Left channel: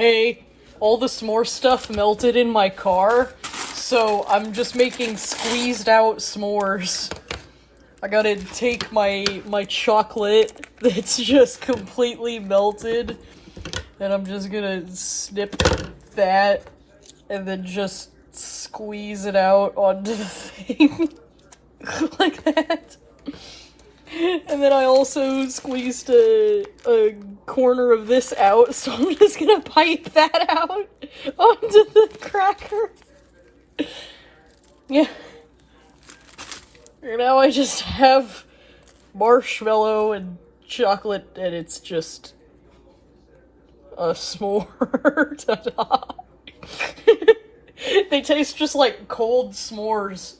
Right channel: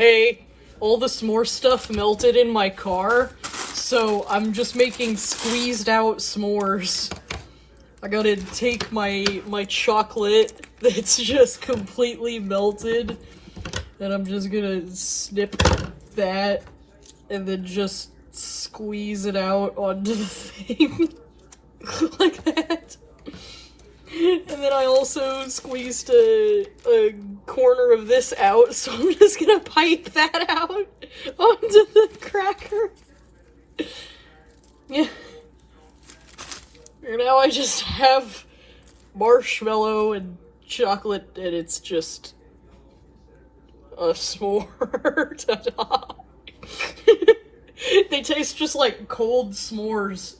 hey, all the s'more stuff melted in my car, so I'm just making squeezed out s'mores. I gotta take my chocolate that's just completely melted, and I'm just gonna snip that, and then just squeeze it out onto the thing. Like that. And then I also squeezed a corner of this out, so I'm just gonna pipe that out onto the cracker. Yeah. And now I just have marshmallow and chocolate, and it's just a s'more. Ta-da. They taste just like cold s'mores.